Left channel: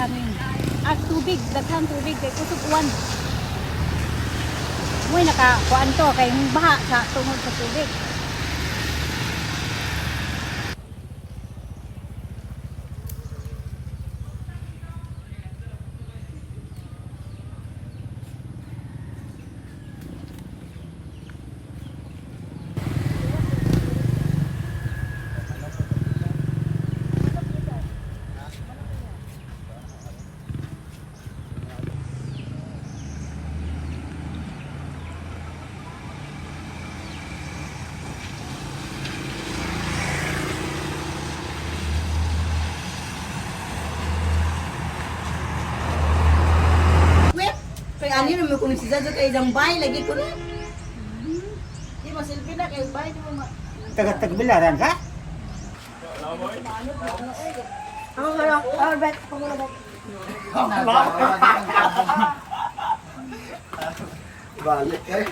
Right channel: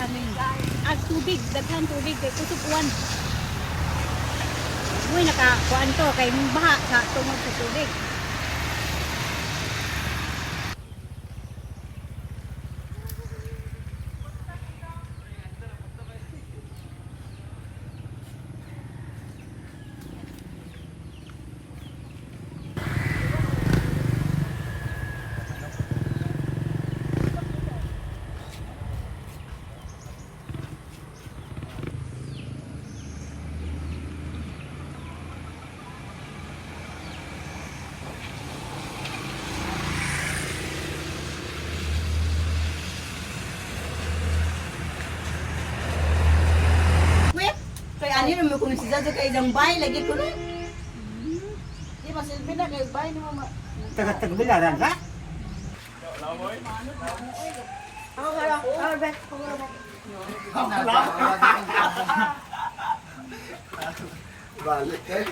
hangin. Tubig, daghang tubig kay kusog uwan. Moy nakakuan to kay baha sa tungod sa tubig. Ani naman kung sisa sa kay bay lagi ko ni. Di masilbi na kay bay di mo. Taga-tagbilaran ka? Oh, kaya arbet. Balik kay.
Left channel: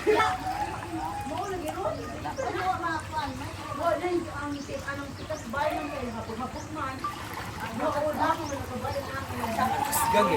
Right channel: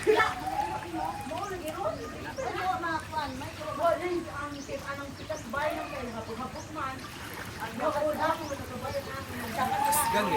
Gagi,